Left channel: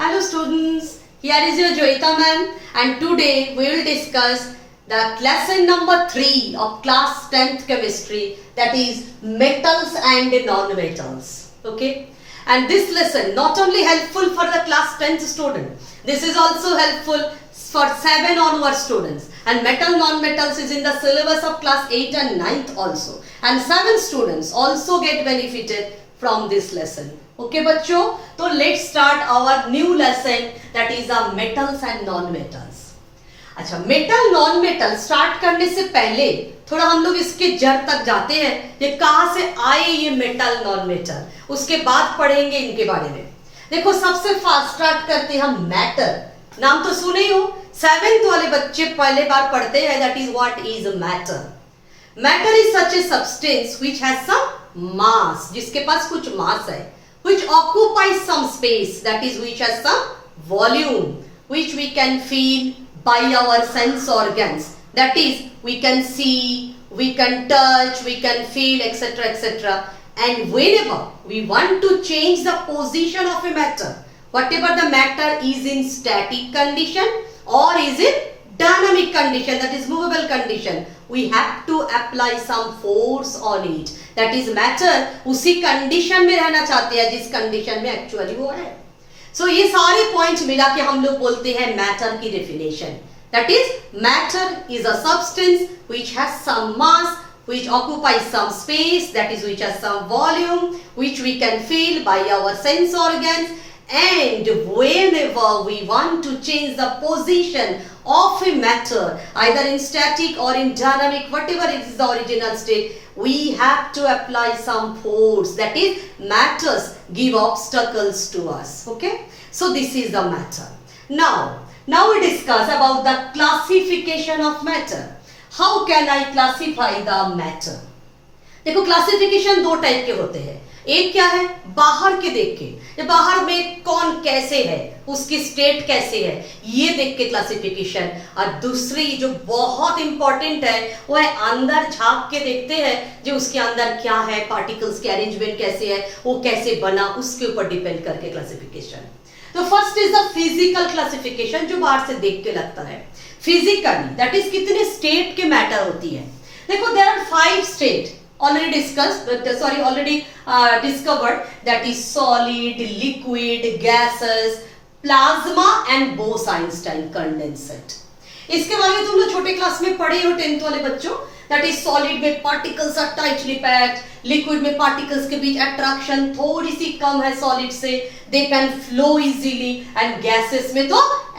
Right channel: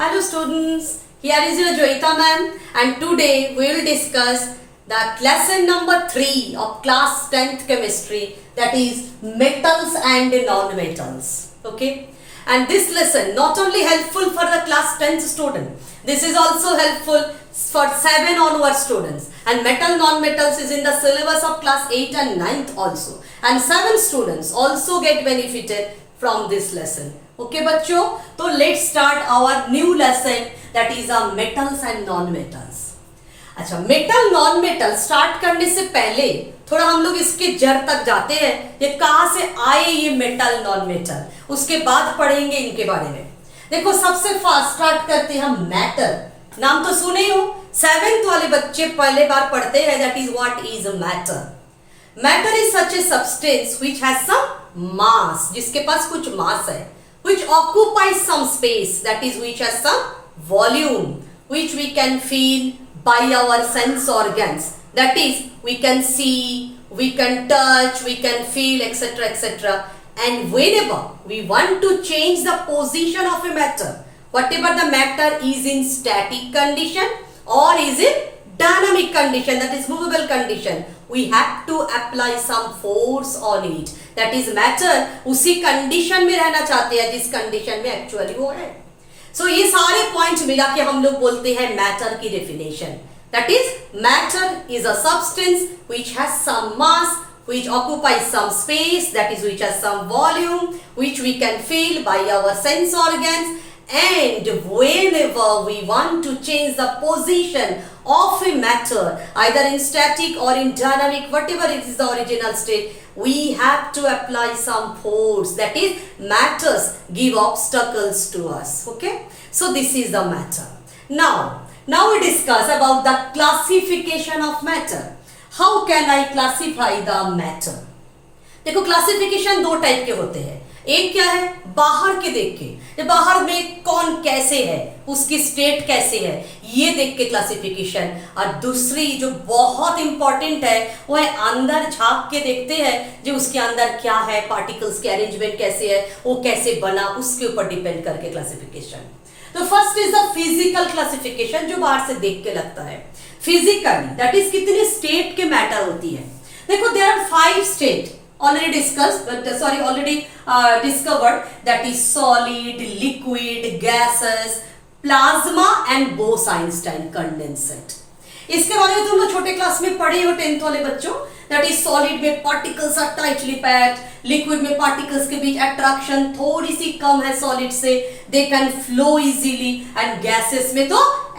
Hello students, here is your Joyita ma'am and today we will discuss the lesson number 3 of class 10th chemistry, that is metals and non-metals. Okay, and this lesson not only helpful for the class 10th student, this is also helpful for 7 onward students, and metal non-metals is in the syllabus of class 8 and 9th also, and 7 students also get benefited from this lesson. Okay बच्चों, तो let's start our new lesson, that is metals and non-metals. अच्छा, metal non metal start करने से पहले थोड़ा हम लोग इसके जड़ तक जाते हैं, ये कहाँ से आए ये मेटल नॉन मेटल, उसके बाद पढ़ेंगे इनके बारे में. देखो सबसे फास्ट स्टार्ट करते हैं हम मैटर. नाम तो सुने ही हो, 7th वाले बच्चे पहले बार पढ़ते हैं, that is what is matter. Matter is such a substance which has some mass, जिसके पास कुछ मास है, which occupies some space, that is which has some volume, which we can feel by our sense organs, that is we can see, we can touch, we can feel, etc, etc. And whenever we want to change the position of a matter, whatever the matter is in static condition or is in dynamic condition, that is movable condition, we have to apply some force on it. That is matter उसी condition में रहना चाहते हैं जिस condition में actually वो है. सो ये सारे पॉइंट मिला के हम लोग बोलते हैं मैटर की definition. That is matter is a substance which has some mass, which occupies some space, that is which has some volume, which we can feel by our sense organs, and whenever we want to change the position of a matter, either in static or in dynamic, whatever it is the original state, we have to apply some force, that is matters give obstacles to us. Okay, so this is the matter. Now we discuss about the classification of matter. How can I classify the matter? देखो classification दो type के होते हैं. एक क्या है, बाहर के देख के, बाहर में कौन कैसे है, उसकी स्टेट कैसे है, ये देख के क्लासिफिकेशन. और दूसरी जो बहुत इंपॉर्टेंट है वो है अंदर झांक के देखते हैं, जो उसके अंदर क्या है, पार्टिकल्स के अरेंजमेंट कैसे है, वो कैसे बना, उसके ऊपर डिपेंड करके क्लासिफिकेशन. तो first is the physical classification, जो बाहर से देख के लगता है. फिजिकली दैट इज कितने स्टेट के मैटर होती है. देखो there are 5 state already discovered, that is solid, liquid, gases, plasma and Bose-Einstein condensate. इसके बारे में तुम लोग छोटे क्लास में पढ़े हो 10th वाले बच्चों. दैट इज सॉलिड में particles are tightly packed, liquid में पार्टिकल्स के बीच अट्रैक्शन थोड़ी सी कम है सॉलिड से, they can flow easily, and gases में तो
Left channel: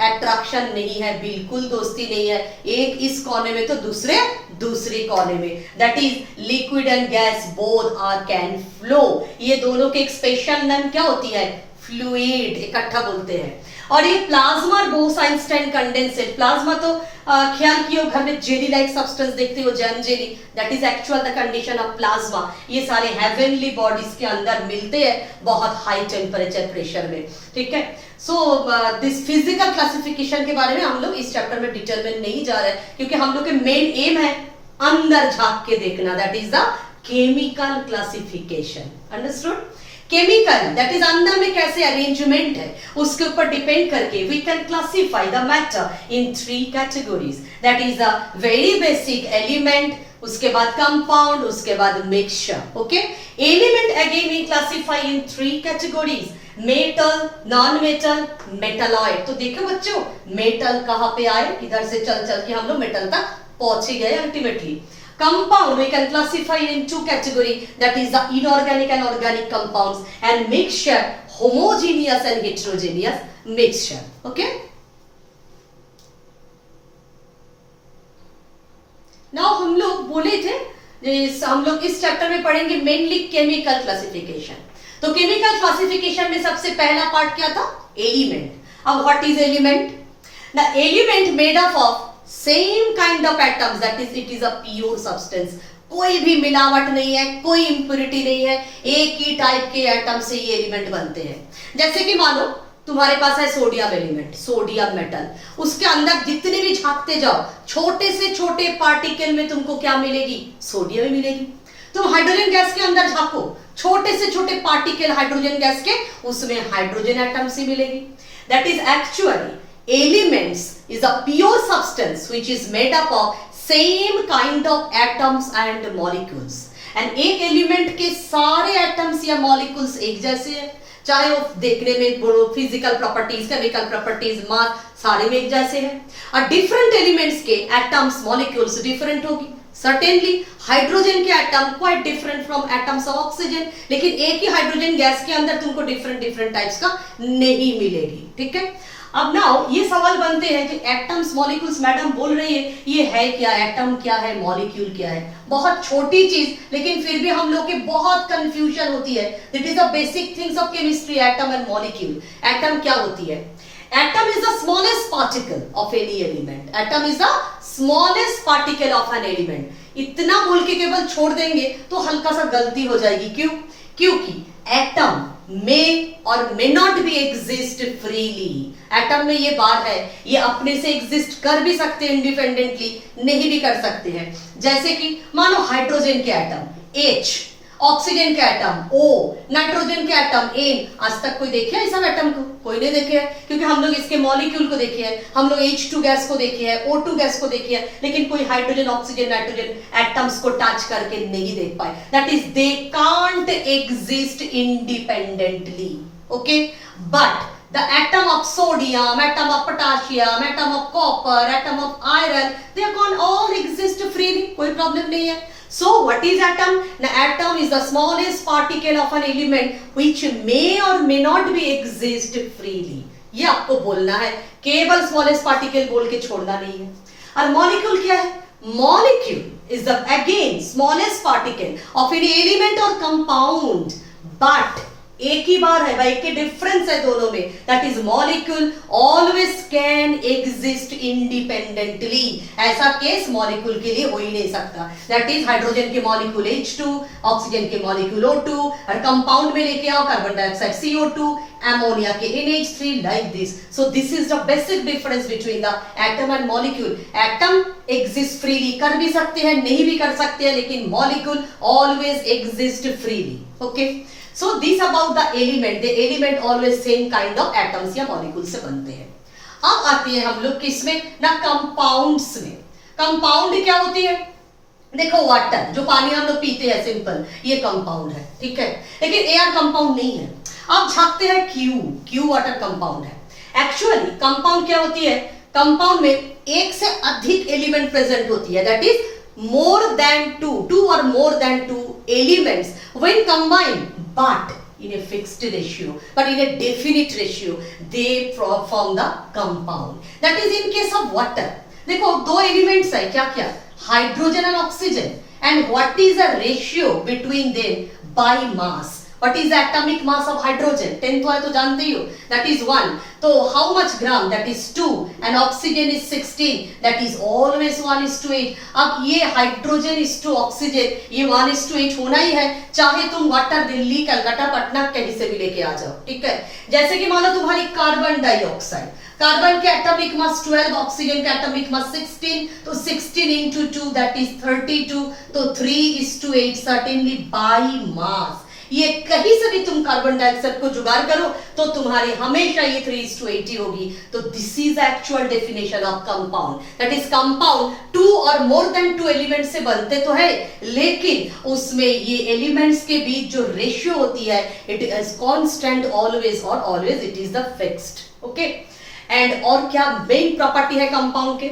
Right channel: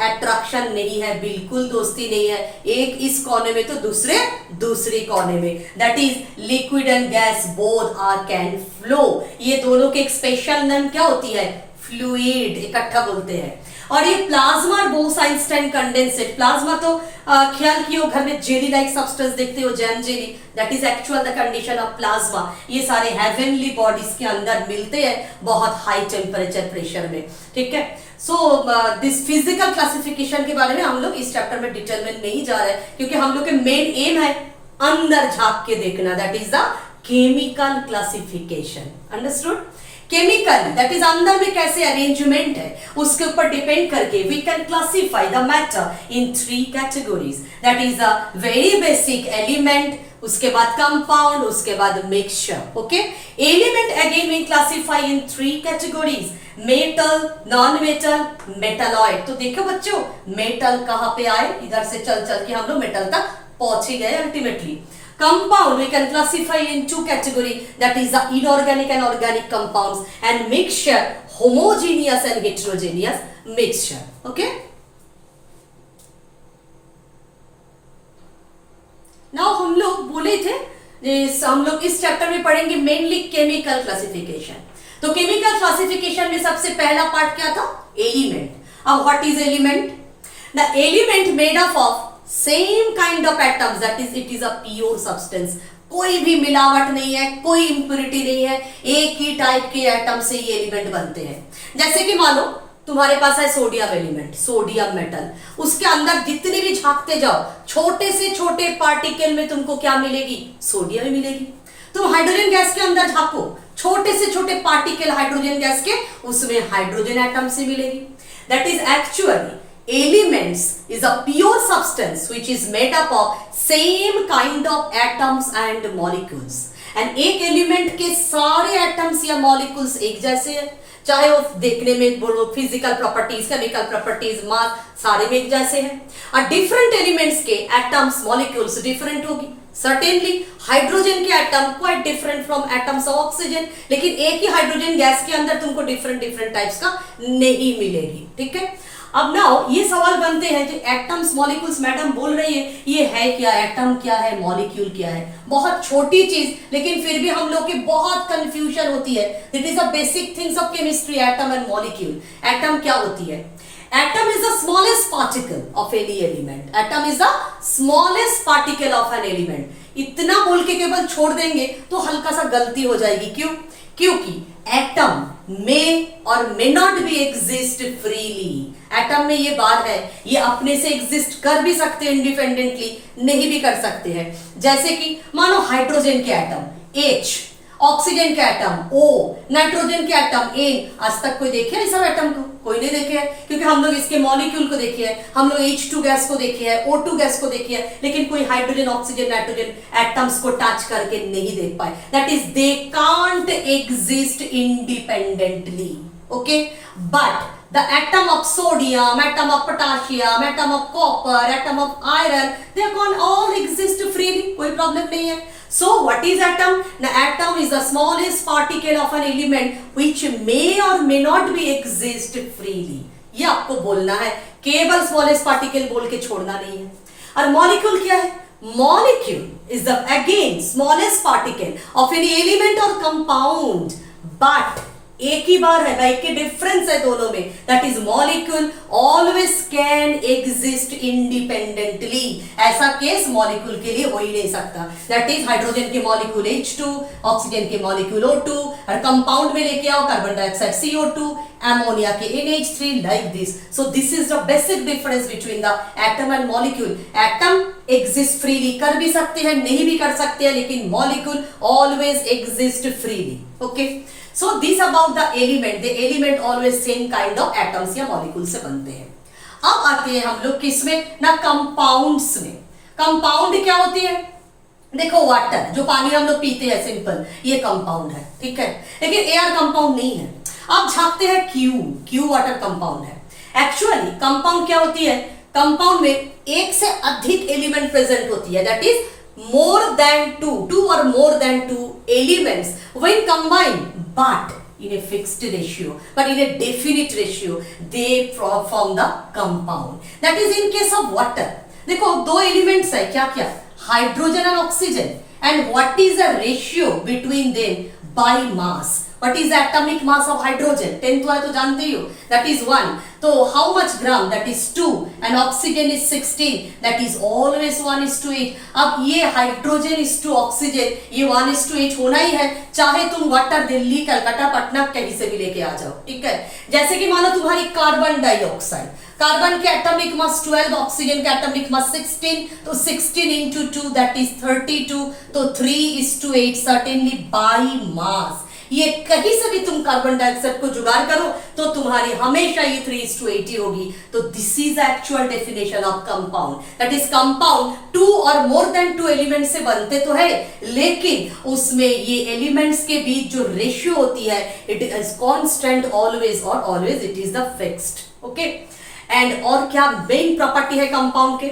अट्रैक्शन नहीं है, बिल्कुल दोस्ती नहीं है, एक इस कोने में तो दूसरे कोने में. That is liquid and gas both are can flow. ये दोनों के एक स्पेशल नेम क्या होती है, फ्लूइड, इकट्ठा बोलते हैं. और ये प्लाज्मा और बोस-आइंस्टाइन कंडेंसेट, प्लाज्मा तो ख्याल कियो घर में जेली लाइक सब्सटेंस देखते हो, jam jelly, that is actual the condition of plasma. ये सारे हेवनली बॉडीज के अंदर मिलते हैं बहुत हाई टेम्परेचर प्रेशर में. ठीक है, सो दिस फिजिकल क्लासिफिकेशन के बारे में हम लोग इस चैप्टर में डिटेल में नहीं जा रहे, क्योंकि हम लोग के मेन एम है अंदर झांक के देखना. That is the chemical classification. Understood? Chemical that is अंदर में कैसे अरेंजमेंट है उसके ऊपर डिपेंड करके we can classify the matter in 3 categories. That is a very basic element, उसके बाद कंपाउंड, उसके बाद mixture. Okay, element again we classify in 3 categories, metal, non metal, metalloid. तो देखो बच्चों मेटल कहां पे आए, इधर से चल के हम लोग मेटल तक पहुंच गए ultimately. Compound we can classify in 2 category, that is the inorganic and organic compounds, and mixture, homogeneous and heterogeneous mixture. Okay, now हम लोग बोले थे हम लोग इस चैप्टर में पढ़ेंगे मेनली केमिकल क्लासिफिकेशन. तो केमिकल क्लासिफिकेशन में सबसे पहला पार्ट क्या था, एलिमेंट. अब what is element? The element made up of same kind of atoms, that is it is a pure substance. कोई भी मिलावट नहीं है, कोई इंप्योरिटी नहीं है, एक ही टाइप के एटम से ये एलिमेंट बनते हैं. जैसे कि मान लो तुम्हारे पास है सोडियम एलिमेंट, सोडियम मेटल, उसके अंदर जितने भी झांकते जाओ छोटे से छोटे पार्टिकल में तुमको क्या मिलेगी, सोडियम मिलेगी. तुम हाइड्रोजन गैस के अंदर झांको, छोटे से छोटे पार्टिकल हाइड्रोजन गैस के, उसमें हाइड्रोजन एटम्स ही मिलेगी। That is actually elements is a pure substance which is made up of same kind of atoms and molecules. And एक एलिमेंट के सारे एटम्स या मॉलिक्यूल्स एक जैसे हैं, चाहे वो देखने में फिजिकल प्रॉपर्टीज, केमिकल प्रॉपर्टीज, मास सारे में एक जैसे हैं। और डिफरेंट एलिमेंट्स के एटम्स मॉलिक्यूल्स डिफरेंट होगी। सर्टेनली हाइड्रोजन के atom quite different from atoms of oxygen, लेकिन एक ही हाइड्रोजन गैस के अंदर तुमको डिफरेंट डिफरेंट टाइप्स का नहीं मिलेगी। ठीक है, अब नाउ ये सवाल बनते हैं कि एटम्स मॉलिक्यूल्स मैडम बोल रही है, ये है क्या, एटम क्या है, मॉलिक्यूल क्या है? बहुत छोटी चीज, लेकिन फिर भी हम लोग की बहुत कंफ्यूजन होती है। That is the basic things of chemistry, atom and molecule. Atom क्या होती है? Atom is the smallest particle of any element. Atom is the smallest particle of an element. इतना बोल के केवल छोड़ देंगे तो हल्का सा गलती हो जाएगी। क्यों? क्योंकि एटम में और may not be exist freely. Atom में ये बात है, ये अपने से एग्जिस्ट कर भी सकते हैं इंडिपेंडेंटली, नहीं भी कर सकते हैं। जैसे कि मानो हाइड्रोजन के एटम H, ऑक्सीजन के एटम O, नाइट्रोजन के एटम N। आज तक कोई देखे इस सब एटम को? कोई नहीं देखे है, क्योंकि हम लोग इसके मॉलिक्यूल को देखे हैं, हम लोग H2 गैस को देखे हैं, O2 गैस को देखे हैं, लेकिन कोई हाइड्रोजन, ऑक्सीजन, नाइट्रोजन एटम्स को टच करके नहीं देख पाए। That is they can't exist independently. Okay, but the atom of sodium, atom of potassium, atom of copper, atom of iron, they can all exist freely, कोई problem नहीं है। So what is atom? The atom is the smallest particle of an element which may or may not be exist freely. ये आपको बोलना है, केवल smallest particle बोल के छोड़ना नहीं है। और molecule क्या है? Molecule is the again smallest particle of any element or compound, but एक ही बार है भाई, के डिफरेंस है दोनों में। That is molecule always can exist independently. ऐसा केस मॉलिक्यूल के लिए हो ही नहीं सकता। दैट इज हाइड्रोजन के मॉलिक्यूल H2, ऑक्सीजन के मॉलिक्यूल O2, और कंपाउंड में लेके आओ कार्बन डाइऑक्साइड CO2, अमोनिया के NH3, like this. So this is the basic difference between the atom and molecule. Atom exist freely, कर भी सकते हैं, नहीं भी कर सकते हैं, लेकिन molecule always exist freely. Okay, so this about the element, the element always same kind of atoms या molecules से बनते हैं। अब आते हैं हम लोग किसमें ना, कंपाउंड्स में। कंपाउंड क्या होती है? देखो वाटर, जो पानी हम लोग पीते हैं सिंपल, ये कंपाउंड है। ठीक है, लेकिन एयर कंपाउंड नहीं है। अब झांकते हैं क्यू वाटर कंपाउंड है। एक्चुअली कंपाउंड क्या होती है? कंपाउंड में एक से अधिक एलिमेंट प्रेजेंट होती है। That is more than two or more than two elements when combined, but in a fixed ratio, but in a definite ratio, they form the compound. That is in case of water. देखो दो elements है, क्या क्या? Hydrogen and oxygen. And what is the ratio between them? By mass. What is the atomic mass of hydrogen? 10 तो है तो जानते ही हो, that is 1. तो how much gram? That is 2. And oxygen is 16. That is always 1:8. अब ये hydrogen is to oxygen, ये 1:8 होना ही है, चाहे तुम वाटर दिल्ली, कलकत्ता, पटना कहीं से भी लेके आ जाओ। ठीक है, जैसे कि मानो तुम्हारी कार्बन डाइऑक्साइड, कार्बन के एटॉमिक मास 12, ऑक्सीजन के एटॉमिक मास 16, तो 16 into 2 that is 32. तो 3:8 certainly by mass। ये कहीं से भी तुम कार्बन डाइऑक्साइड को जुगाड़ करो तो तुम्हारी हमेशा ये 3:8 होगी। तो this is actual definition of compound. That is compound 2 और मोर देन 2 एलिमेंट से बनते तो है, लेकिन उसमें ये एलिमेंट्स के बीच जो रेशियो होती है, इट इज कांस्टेंट ऑलवेज, और always it is the fixed. Okay, and और क्या मेन प्रॉपर्टी है कंपाउंड के?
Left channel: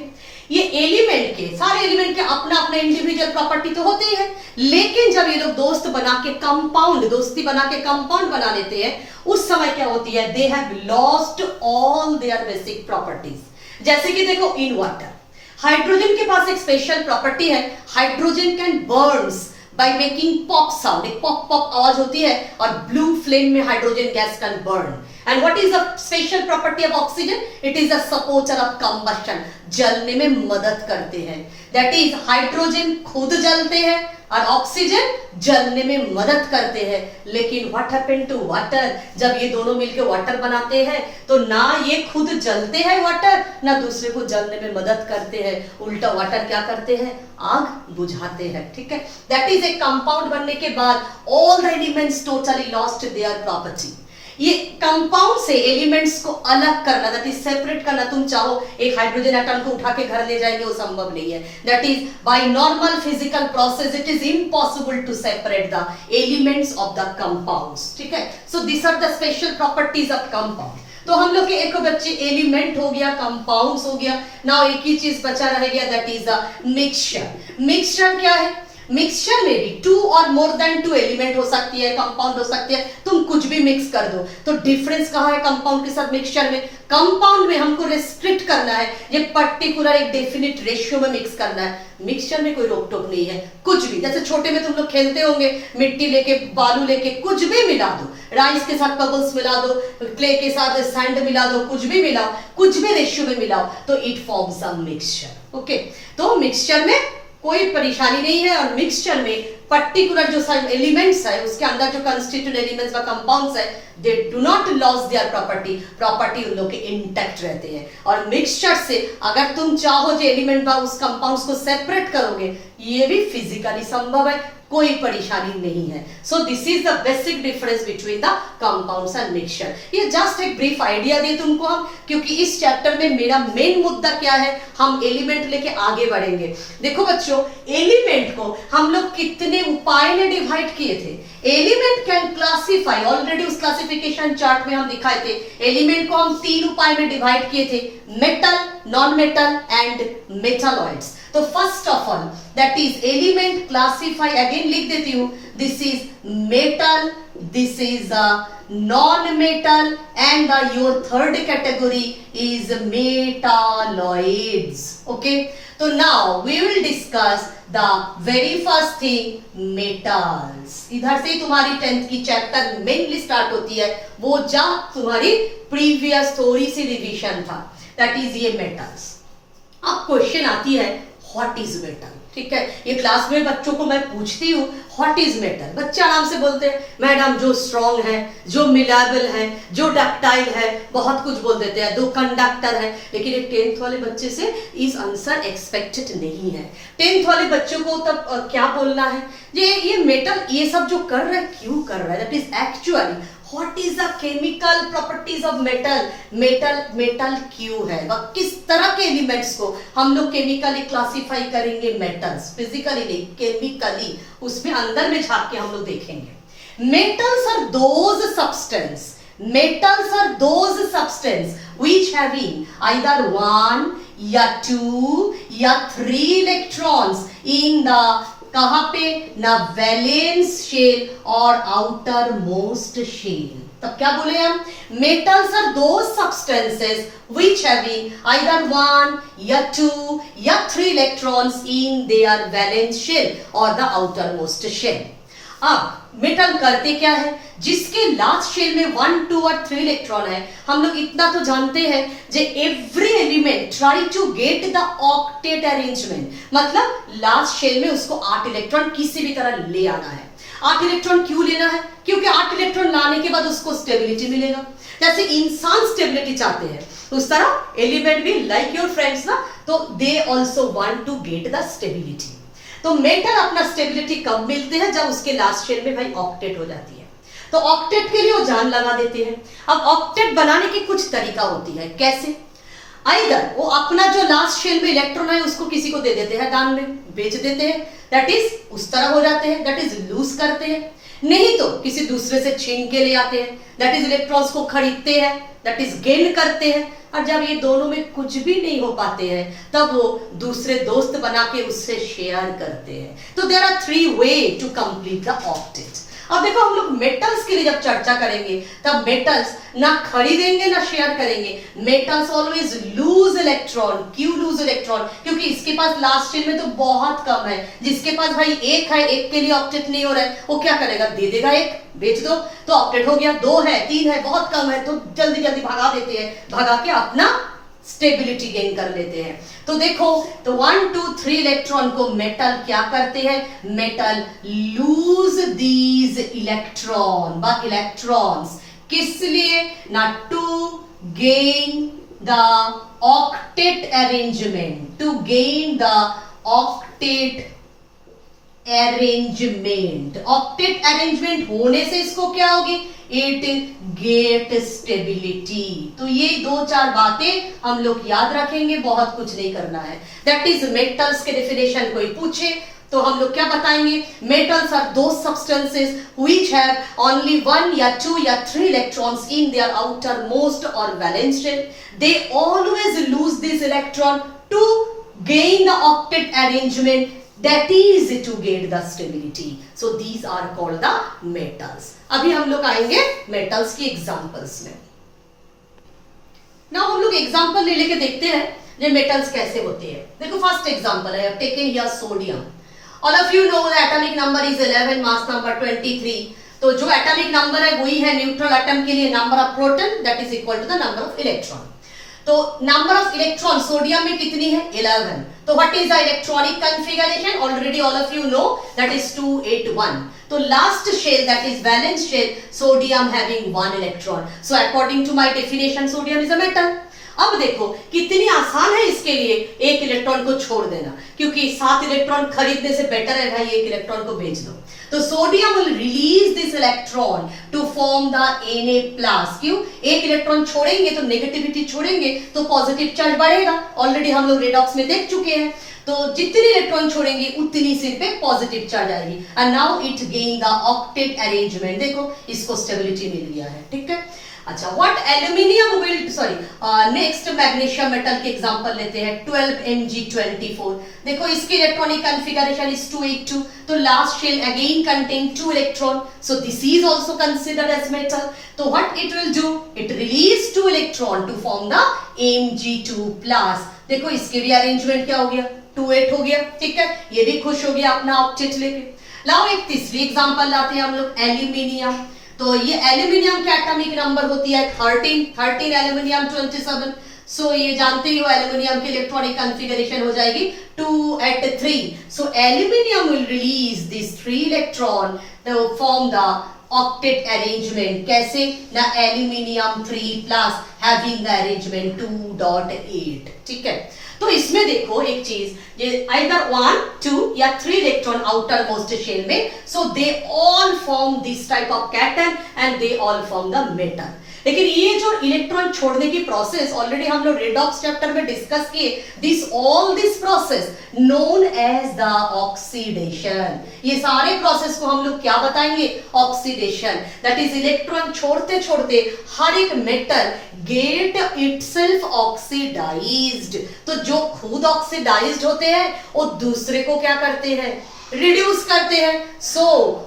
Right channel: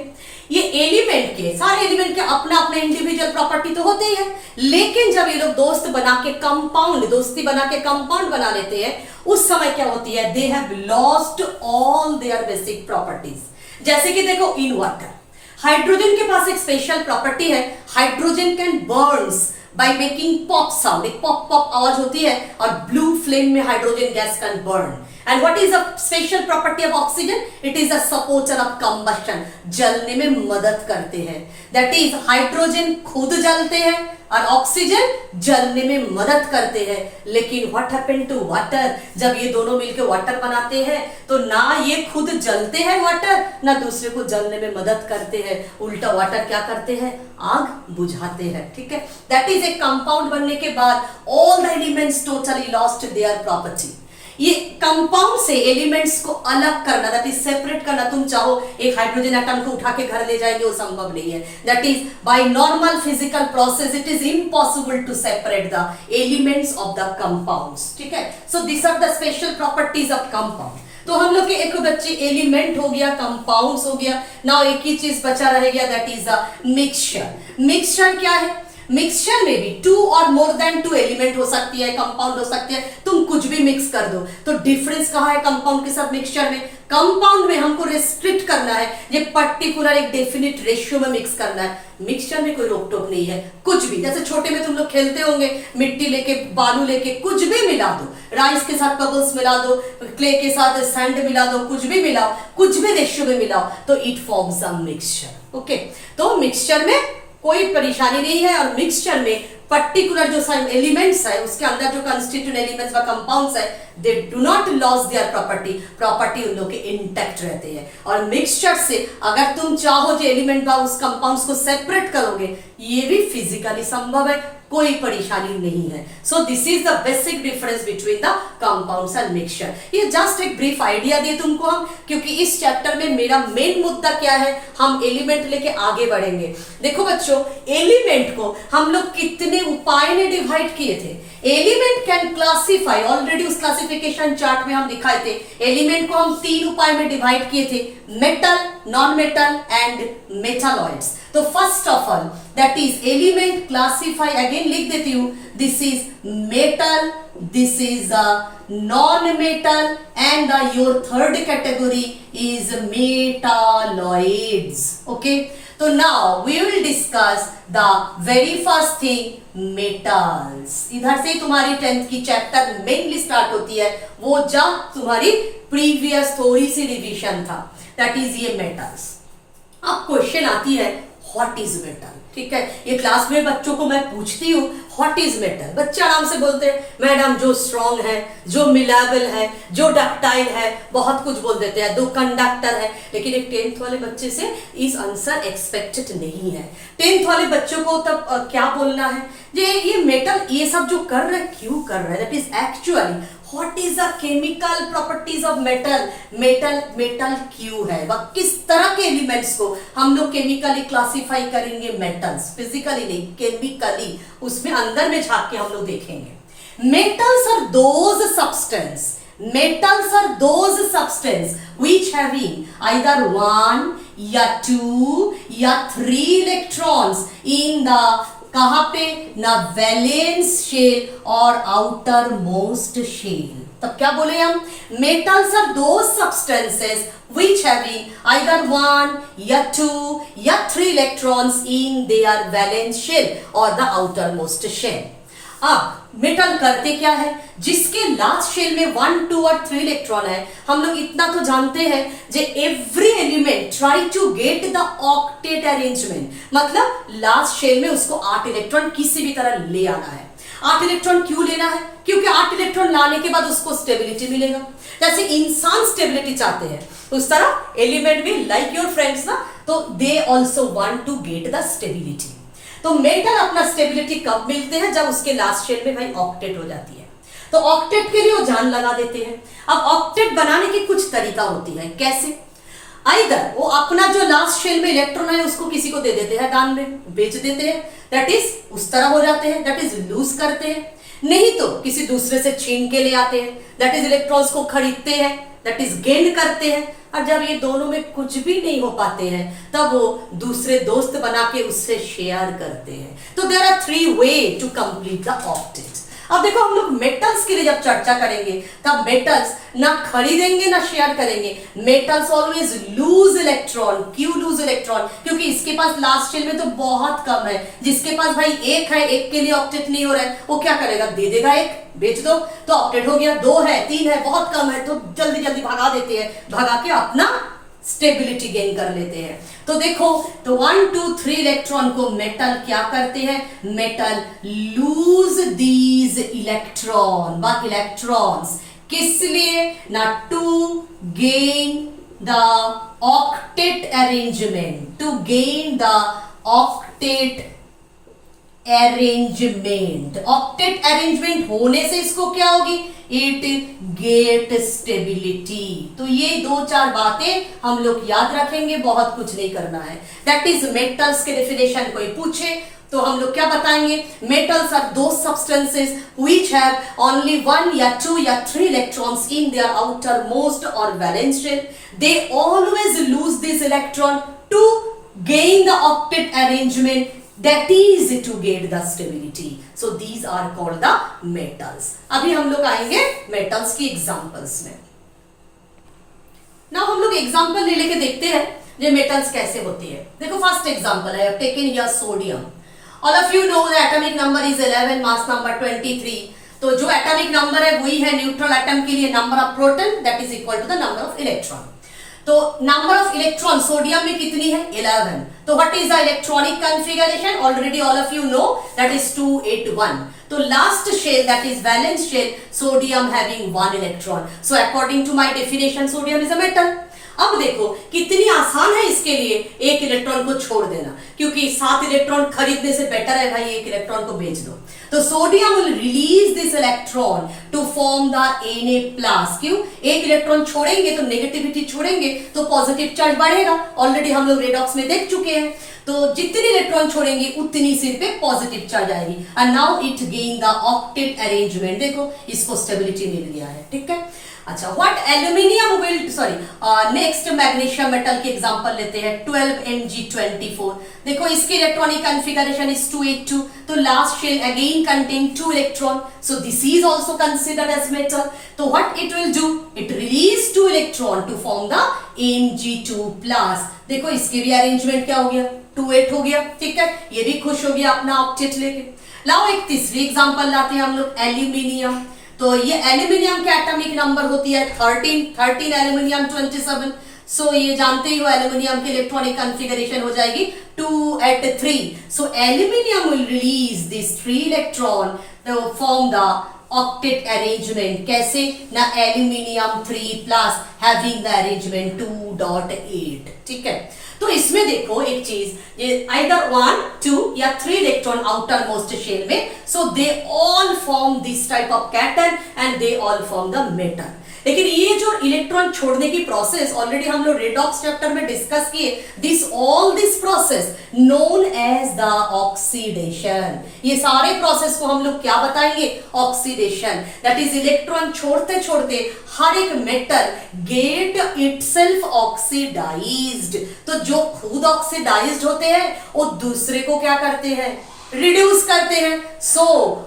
ये एलिमेंट के, सारे एलिमेंट के अपना अपना इंडिविजुअल प्रॉपर्टी तो होते ही है, लेकिन जब ये लोग दोस्त बना के कंपाउंड, दोस्ती बना के कंपाउंड बना लेते हैं, उस समय क्या होती है? They have lost all their basic properties. जैसे कि देखो इन वाटर, हाइड्रोजन के पास एक स्पेशल प्रॉपर्टी है, hydrogen can burns by making pop sound, एक pop pop आवाज होती है, और blue flame में hydrogen gas can burn. And what is the special property of oxygen? It is a supporter of combustion. जलने में मदद करते हैं। That is हाइड्रोजन खुद जलते हैं, और ऑक्सीजन जलने में मदद करते हैं। लेकिन व्हाट हैपन टू वाटर, जब ये दोनों मिलकर वाटर बनाते हैं तो ना ये खुद जलते हैं वाटर, ना दूसरे को जलने में मदद करते हैं, उल्टा वाटर क्या करते हैं, आग बुझाते हैं। ठीक है, दैट इज ए कंपाउंड बनने के बाद all the elements totally lost their property. ये कंपाउंड से एलिमेंट्स को अलग करना, दैट इज सेपरेट करना, तुम चाहो एक हाइड्रोजन एटम को उठा के घर ले जाएंगे, वो संभव नहीं है। That is by normal physical process it is impossible to separate the elements of the compounds. ठीक है, so this are the special properties of compound. तो हम लोग के एक बच्चे एलिमेंट हो गया, कंपाउंड्स हो गया, नाउ एक ही चीज बचा रह गया, that is the mixture. Mixture क्या है? मिक्सचर में भी 2 और मोर देन 2 एलिमेंट हो सकती है, कंपाउंड हो सकती है, तुम कुछ भी मिक्स कर दो। तो डिफरेंस कहाँ है कंपाउंड के साथ मिक्सचर में? कंपाउंड में हमको रेस्ट्रिक्ट करना है, ये पर्टिकुलर एक डेफिनेट रेशियो में मिक्स करना है। मिक्सचर में कोई रोक टोक नहीं है, कुछ भी, जैसे छोटे में तुम लोग खेलते होंगे, मिट्टी लेके बालू लेके कुछ भी मिला दो, राइस के साथ बबल्स मिला दो, क्ले के साथ सैंड मिला दो, कुछ भी मिलाओ, कुछ भी रेशियो में मिलाओ तो it forms a mixture. Okay, तो मिक्सचर में कोई परेशानी नहीं है, और मिक्सचर में पर्टिकुलर जो एलिमेंट्स है उसके अंदर जो कंस्टिट्यूएंट एलिमेंट्स व कंपाउंड्स है they do not loss their property उन लोग के इंटैक्ट रहते हैं। और मिक्सचर से अगर तुम चाहो जो एलिमेंट व उस कंपाउंड्स को सेपरेट करोगे, ये भी फिजिकली संभव है, कोई परेशानी नहीं है। So this is the basic difference between the compounds and mixture. ये जस्ट एक ब्रीफ आइडिया दे तुमको हम, क्योंकि इस चैप्टर में मेरा मेन मुद्दा क्या है, हम एलिमेंट लेके आगे बढ़ेंगे। देखो बच्चों, एलिमेंट को हम लोग कितने उपाय में डिवाइड किए थे। एलिमेंट कैन क्लासिफाई, ऑलरेडी उस क्लासिफिकेशन चार्ट में हम दिखाए थे, एलिमेंट को हम 3 उपाय में डिवाइड किए थे, metal, non metal and metalloids. तो first of all that is element classify, again लिख देती हूं, this is metal, this is non metal and your third category is metalloids. Okay, तो now we will discuss the very first thing, metals. इधर से तुम्हारी 10th की chapter mainly start होती है, वो जब तुम्हारी प्रीवियस थोड़ी सी रिवीजन था, दैट इज ये मेटल्स। अब क्वेश्चन आती है व्हाट इज मेटल। ठीक है, ये क्लास में बच्चों को मैं पूछती हूँ व्हाट इज मेटल, बच्चे आराम से बोलते हैं मैडम जो स्ट्रॉन्ग है, जो मिलाबल है, जो डक्टाइल है, बहुत कुछ बोल देते हैं, 2 कंडक्टर है। लेकिन एक 10th वाले बच्चे से इस आंसर एक्सपेक्टेड नहीं है। 10th वाले बच्चों को तब क्या बोलना है, ये मेटल ये सब जो कर रहा है क्यों कर रहा है, that is actually what is the chemical properties of metal. Metal क्यों है, वह किस तरह के एलिमेंट्स को हम लोग केमिकली क्लासिफाई करेंगे, मेटल्स, फिजिकली नहीं केमिकली, उसमें अंदर में झांक के हम लोग देखेंगे। Metals are those substance, metals are those substance which having either 1 या 2 या 3 electrons in the कहां पे ना वैलेंस शेल और आउटर मोस्ट शेल। तब क्या बोले हम, metals are those substances which having either 1 या 2 या 3 electrons in their valence shell or the outermost shell। अब मेटल करते क्या है, जिसके लास्ट शेल में 1, 2 और 3 इलेक्ट्रॉन है, हम लोग इतना तो जानते हैं जे every element try to get the octet arrangement, मतलब लास्ट शेल में उसको 8 इलेक्ट्रॉन किसी भी तरह ले आना है। 8 इलेक्ट्रॉन क्यों लेना है, क्योंकि 8 इलेक्ट्रॉन लाने के बाद उसको स्टेबिलिटी मिलेगा। जैसे इंसान स्टेबिलिटी चाहते हैं उस तरह एलिमेंट भी लाइक योर फ्रेंड्स ना, तो they also want to get the stability. तो मेटल अपना स्टेबिलिटी कब मिलते हैं, जब उसके लास्ट शेल में भाई ऑक्टेट हो जाती है। तो ऑक्टेट के लिए वो जान लगा देते हैं। अब ऑक्टेट बनाने की कुछ तरीका होती है, कैसे, आइदर वो अपना जो लास्ट शेल में इलेक्ट्रॉन है उसको किसी को दे देते हैं, दान में बेच देते हैं, दैट इज उस तरह हो जाते हैं, दैट इज लूज करते हैं, नहीं तो किसी दूसरे से छीन के ले आते हैं, दैट इज इलेक्ट्रॉन्स को खरीदते हैं, दैट इज गेन करते हैं। और जब ये दोनों में कुछ भी नहीं हो पाते हैं तब वो दूसरे दोस्त बना के उससे शेयर करते हैं। तो there are 3 way to complete the octet. अब देखो हम लोग मेटल्स के लिए जब चर्चा करेंगे तब मेटल्स ना खरीदेंगे ना शेयर करेंगे। Metals always loose electron. क्यों लूज इलेक्ट्रॉन, क्योंकि इसके पास लास्ट शेल में तो बहुत कम है, जिसके पास भाई 1 है, 1 के लिए ऑक्टेट नहीं हो रहा है, वो क्या करेगा, दे देगा 1, बेच दो तो ऑक्टेट हो गया। 2 है, 3 है, बहुत कम है, तो जल्दी जल्दी भगा देते हैं, भगा के अपना स्टेबिलिटी गेन कर लेते हैं। तो देखो, तो 1 2 3 इलेक्ट्रॉन को मेटल क्या करते हैं, मेटल लूज दीज इलेक्ट्रॉन व इलेक्ट्रॉन्स, किस लिए ना, to gain the octet arrangement, to gain the octet arrangement. Octet arrangement होने से इसको क्या होगी, इट गेट स्टेबिलिटी। तो ये 2-4 बातें हम लोग याद रखेंगे, बहुत कुछ नहीं करना है। दैट इज मेटल्स के डेफिनेशन कोई पूछे तो हम लोग क्या बताएंगे, metals are those substances which have only 1 या 2 या 3 electrons in their outer most और valence shell. They always lose this electron to gain the octet arrangement, that is to get the stability. So these are called the metals. अभी हम लोग आएंगे metals की examples में। Now हम लोग example ले लेके देखते हैं ये metals कैसे होते हैं। देखो first example है, I have taken here sodium. All of you know the atomic number is 11, mass number 23. तो जो atomic number है वही है neutral atom के लिए number of proton, that is equal to the number of electron. तो number of electron sodium में कितनी है, 11। तो what is the electronic configuration, already all of you know, that is 281। तो last shell that is valence shell, sodium having 1 electron. So according to my definition sodium is a metal. अब देखो कितनी आसान है इसके लिए एक इलेक्ट्रॉन को छोड़ देना, क्योंकि 7 इलेक्ट्रॉन खरीदने से बेटर है भाई एक इलेक्ट्रॉन को भेज दो। तो sodium will release this electron to form the Na+। क्यों, एक इलेक्ट्रॉन छोड़ेंगे तो नेगेटिविटी छोड़ेंगे तो पॉजिटिव चार्ज बढ़ेगा, ऑलरेडी हम लोग रेडॉक्स में देख चुके हैं। तो जितनी इलेक्ट्रॉन छोड़ेंगे उतनी सिर पे पॉजिटिव चार्ज आएगी। And now it gain the octet arrangement, देखो इसको स्टेबिलिटी मिल गया है, ठीक है। अच्छा, what aluminium will, next magnesium metal के एग्जांपल लेते हैं, 12Mg24। देखो इसकी इलेक्ट्रॉनिक कॉन्फ़िगरेशन इज 282। तो last shell again contain 2 electron, so this is also considered as metal. तो what it will do, it release 2 electron to form the Mg2+। देखो इसके भी अरेंजमेंट क्या हो गया, 28 हो गया, ठीक है। ये भी खुश हो गया अपना ऑक्टेट लेके। लाओ एक तीसरी एग्जांपल लाते हैं हम लोग, एल्यूमिनियम। तो ये एल्यूमिनियम की एटॉमिक नंबर होती है 13 एल्यूमिनियम 27। सो ये जानते ही हो एल्यूमिनियम की इलेक्ट्रॉनिक कॉन्फ़िगरेशन हो जाएगी 2 at 3। So aluminium will release this 3 electron to form the octet arrangement। कैसे ना, एल्यूमिनियम 3+ having the arrangement 2.8, ठीक है। तो इसमें देखो एक चीज, ये either 1 2 या 3 इलेक्ट्रॉन आउटर मोस्ट शेल में, so they all form this type of cation and they all form the metal. लेकिन ये जो इलेक्ट्रॉन छोड़ने की प्रोसेस ऑलरेडी हम लोग रेडॉक्स चैप्टर में डिस्कस किए, this process known as the oxidation. ये सारे प्रोसेस को हम लोग क्या बताएंगे, ऑक्सीडेशन। दैट इज इलेक्ट्रॉन छोड़ते छोड़ते हर एक मेटल गेट इटसेल्फ ऑक्सीडाइज्ड। तो जो खुद ऑक्सीडाइज्ड होते हैं वो दूसरे को क्या करते हैं, रिड्यूस करते हैं। So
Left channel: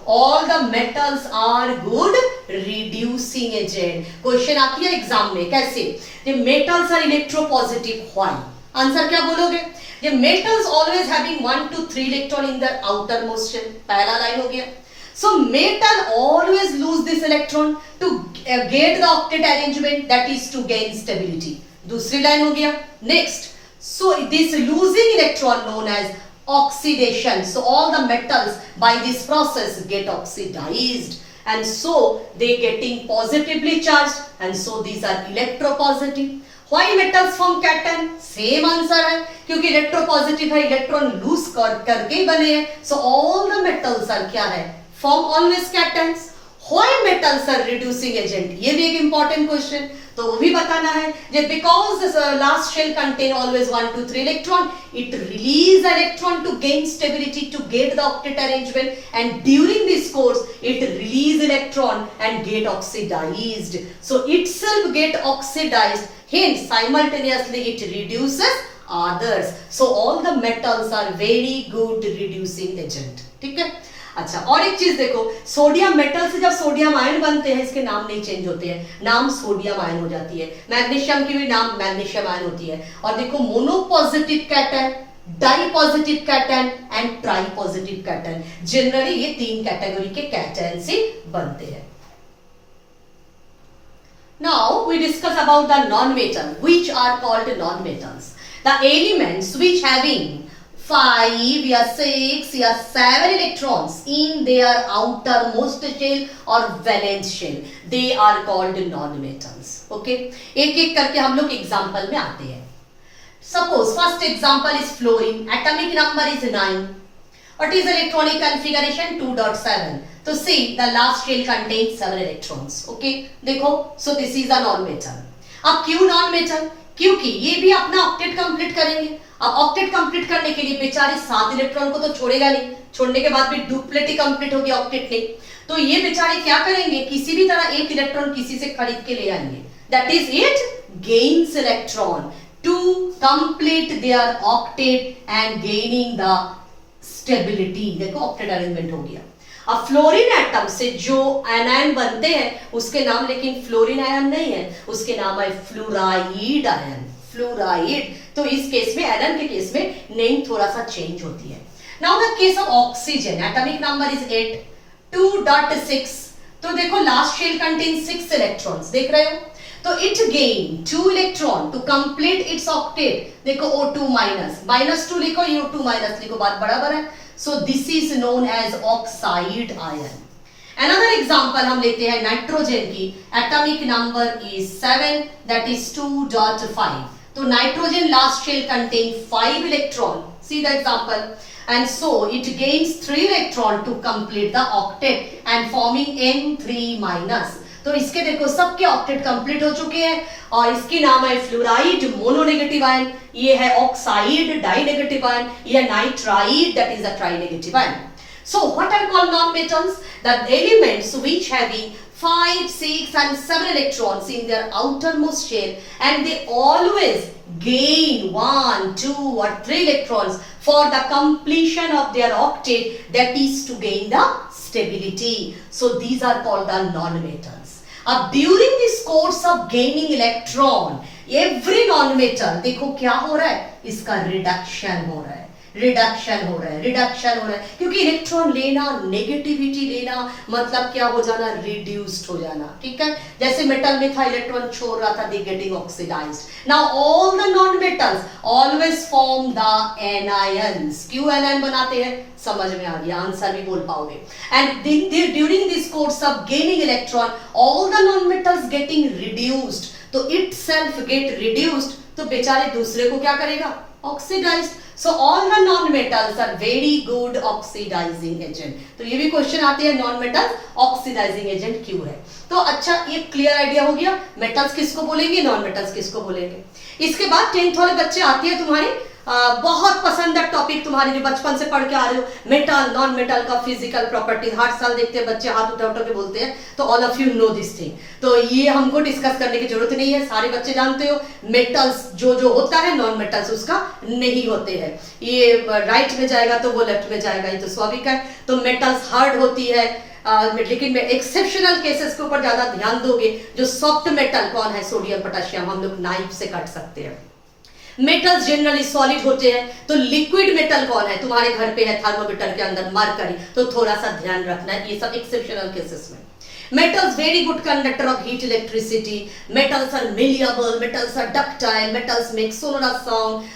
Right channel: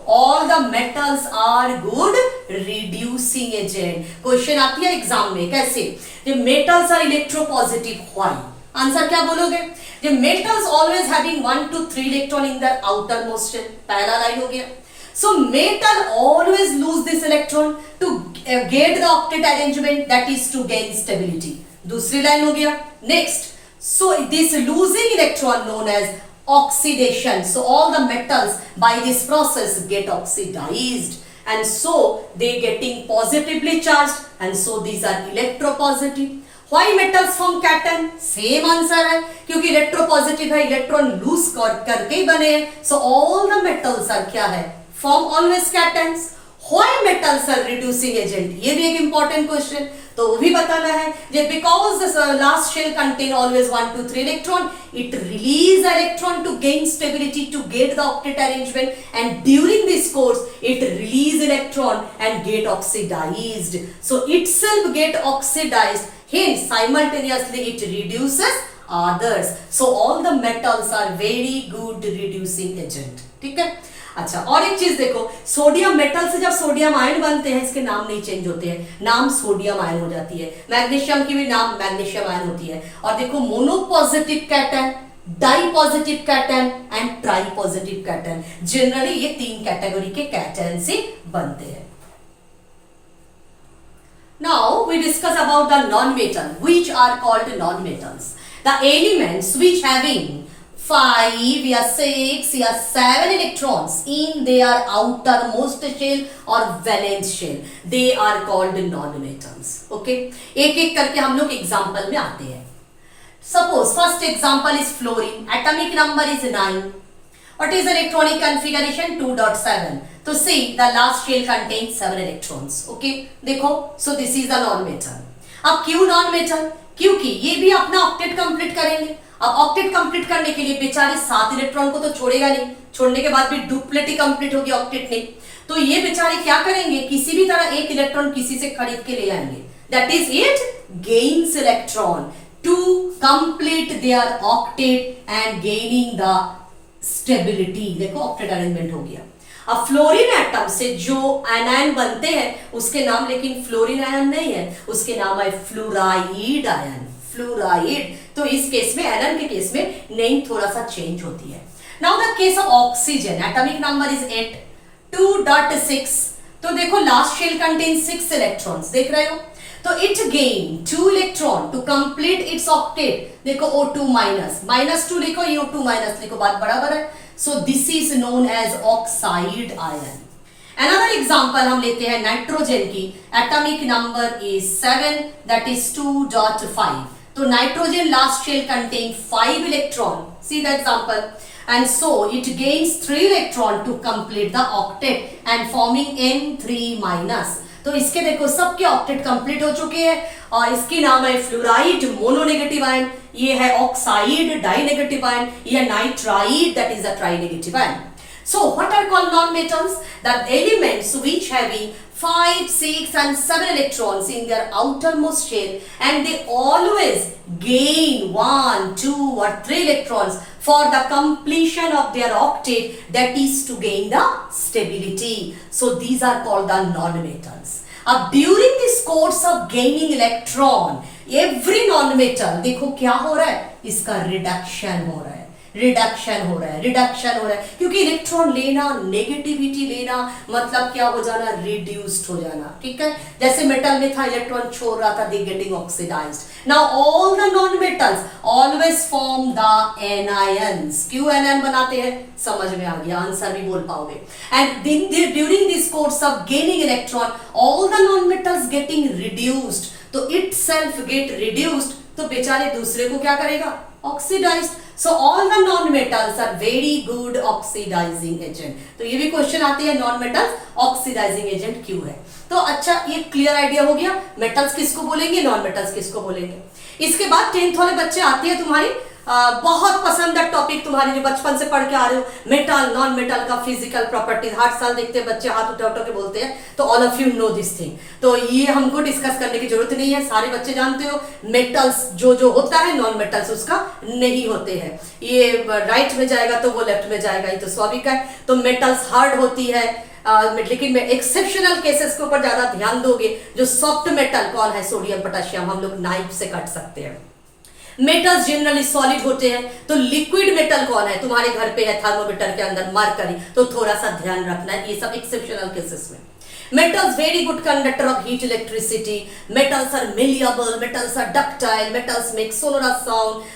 all the metals are good reducing agent. Question आती है एग्जाम में कैसे, the metals are electropositive, why? Answer क्या बोलोगे, the metals always having 1 to 3 electron in the outer most shell, पहला लाइन हो गया। So metal always lose this electron to get the octet arrangement, that is to gain stability। दूसरी line हो गया। Next, so this losing electron known as oxidation। So all the metals by this process get oxidized and so they getting positively charged and so these are electropositive। Why metals form cation? Same answer है, क्योंकि electropositive है, electron lose करके ही बने हैं। So all the metals are क्या है, form always cations। Why metals are reducing agent? ये भी एक important question, तो वो भी बताना है। जे because the last shell contain always 1 to 3 electron, it release electron to gain stability to get the octet arrangement, and during this course it release electron and get oxidized। So itself get oxidized, hence simultaneously it reduces others। So all the metals are very good reducing agent, ठीक है। अच्छा, और एक चीज देखो, sodium metal से जब sodium ion बनते हैं इसके नाम नहीं चेंज होते हैं, नाम सोडियम आयन हो जाती है। मैग्नीशियम की भी नाम मैग्नीशियम आयन होती है। और देखो monopositive cation, di positive cation and tri positive cation, generally ये 3 कैटेगरी के कैटन से बनते हैं। Now we discuss about the non-metal, which are called non-metals. The elements which having 5 या 6 या 7 electrons in their outermost shell or valence shell, they are called non-metals. Okay, एक एक करके हम लोग एग्जाम्पल में आते हैं. Suppose first example is fluorine. Atomic number is 9. What is electronic configuration? 2.7. तो see the last shell contains 7 electrons. Okay, देखो, so this is the non-metal. अब क्यों non-metal? क्योंकि ये भी अपना ऑक्टेट कंप्लीट करेंगे. अब ऑक्टेट कंप्लीट करने के लिए बेचारे 7 इलेक्ट्रॉन को तो छोड़ेगा नहीं, छोड़ने के बाद भी डुप्लेट ही कंप्लीट होगी ऑक्टेट ने. तो ये बेचारे क्या करेंगे, किसी भी तरह एक इलेक्ट्रॉन किसी से खरीद के ले जाएंगे. That is it gains electron to complete their octet and gaining the stability. देखो ऑक्टेट अरेंजमेंट हो गया. अब फ्लोरीन एटम से जो आयन बनते हैं उसके नाम लेकिन फ्लोरीन आयन नहीं है, उसके नाम है फ्लोराइड आयन. फ्लोराइड. तो इस केस में आयन के केस में नेम थोड़ा सा चेंज होती है. Now the case of oxygen, atomic number is 8. 2.6. तो देखो लास्ट शेल कंटेन 6 इलेक्ट्रॉन्स, देख रहे हो. तो it gain 2 electron to complete its octet. देखो O2 माइनस, -2 लिखो, O2 माइनस लिखो, बात बराबर है. So this is known as oxide ion. Another example हम लेते हैं नाइट्रोजन की. Atomic number is 7, that is 2.5. तो nitrogen last shell contain 5 electron. See the example. And so it gains 3 electron to complete the octet and forming N3 minus. तो इसके देखो सबके octet complete हो चुके हैं और इसकी नाम है फ्लोराइड मोनोनेगेटिव आयन, ये है ऑक्साइड डाइनेगेटिव आयन, ये nitride that is a trinegative ion. So what are called non-metals? The elements which having 5, 6 and 7 electrons in their outermost shell and they always gain 1, 2 or 3 electrons for the completion of their octet, that is to gain the stability. So these are called the non-metals. अब during this course of gaining electron, every non-metal देखो क्या हो रहा है, इसका reduction हो रहा है. रिडक्शन हो रहा है, रिडक्शन हो रहा है, क्योंकि इलेक्ट्रॉन लेना, नेगेटिविटी लेना मतलब क्या हो जाना, रिड्यूस्ड हो जाना. ठीक है, जैसे मेटल में था इलेक्ट्रॉन छोड़ रहा था, they getting oxidized. Now all the non metals always form the anions. क्यों एनायन बनाते हैं, समझ में आ गया, आंसर भी बोल पाओगे. And during this course of gaining electron all the non metals getting reduced. तो इट सेल्फ गेट रिड्यूस्ड, तो बेचारे दूसरे को क्या करेगा, oxidised. So all the non-metals are very good oxidizing agent. तो ये भी क्वेश्चन आते हैं non-metals oxidizing agent क्यों है. तो अच्छा ये क्लियर आइडिया हो गया, मेटल्स किसको बोलेंगे, नॉन-मेटल्स किसको बोलेंगे. इसके बाद 10th वाले बच्चे आते हैं तुम्हारे, बहुत पसंद है टॉपिक तुम्हारी जो बचपन से पढ़ के आ रहे हो, मेटल नॉन मेटल का फिजिकल प्रॉपर्टीज. हर साल देखते हैं बच्चे हाथ उठा उठा के बोलते हैं, तो all of you no this thing. तो ये हमको डिस्कस करने की जरूरत नहीं है, सारे बच्चे जानते हो मेटल्स जो जो होता है नॉन मेटल्स उसका नहीं होते हैं. ये राइट में जाएगा तो वो लेफ्ट में जाएगा, ये तो स्वाभाविक है. तो मेटल्स हार्ड होती है, लेकिन में एक्सेप्शनल केसेस के ऊपर ज्यादा ध्यान दोगे. जो सॉफ्ट मेटल कौन है, सोडियम पोटेशियम, हम लोग नाइफ से काट सकते हैं. मेटल्स जनरली सॉलिड होते हैं. तो लिक्विड मेटल कौन है, तुम्हारे घर पे है थर्मोमीटर के अंदर मरकरी, तो थोड़ा सा ध्यान रखना है, ये सब एक्सेप्शनल केसेस में. Metals very good conductor of heat electricity. Metals are malleable, metals are ductile, metals make sonorous sound,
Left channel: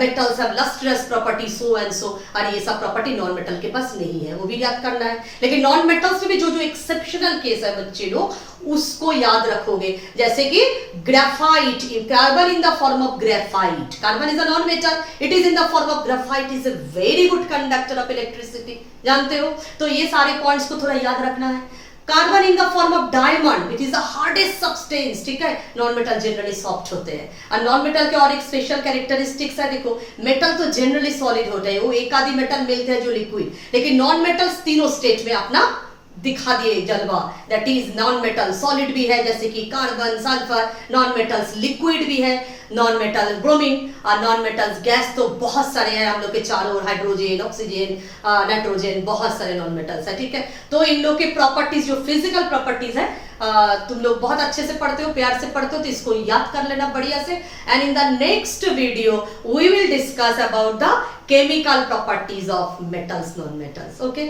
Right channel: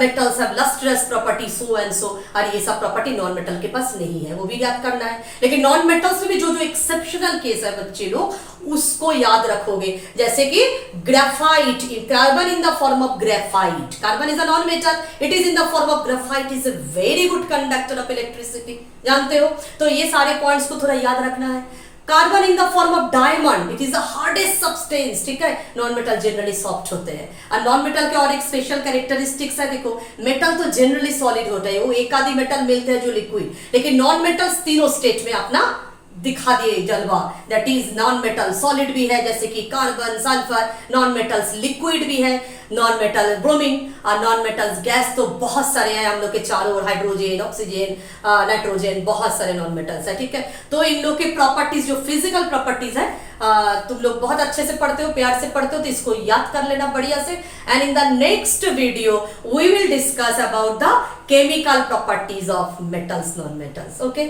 metals have lustrous property, so and so. और ये सब प्रॉपर्टी नॉन मेटल के पास नहीं है, वो भी याद करना है. लेकिन नॉन मेटल्स में भी जो जो एक्सेप्शनल केस है बच्चे लोग उसको याद रखोगे. जैसे कि graphite, carbon in the form of graphite, carbon is a non metal, it is in the form of graphite, is a very good conductor of electricity. जानते हो, तो ये सारे पॉइंट्स को थोड़ा याद रखना है. Carbon in the form of diamond, it is the hardest substance. ठीक है, नॉन मेटल जनरली सॉफ्ट होते हैं. और नॉन मेटल के और एक स्पेशल कैरेक्टरिस्टिक्स है. देखो मेटल तो जनरली सॉलिड होते हैं, वो एक आधी मेटल मिलते हैं जो लिक्विड, लेकिन नॉन मेटल्स तीनों स्टेट में अपना दिखा दिए जलवा. That is non metal solid भी है जैसे कि carbon, sulphur. Non metals liquid भी है, नॉन मेटल ब्रोमीन. और नॉन मेटल्स गैस तो बहुत सारे हैं हम लोग के चारों ओर, हाइड्रोजन, ऑक्सीजन, नाइट्रोजन, बहुत सारे नॉन मेटल्स है. ठीक है, तो इन लोग की प्रॉपर्टीज जो फिजिकल प्रॉपर्टीज है तुम लोग बहुत अच्छे से पढ़ते हो, प्यार से पढ़ते हो, तो इसको याद कर लेना बढ़िया से. And in the next video we will discuss about the chemical properties of metals, non metals. Okay.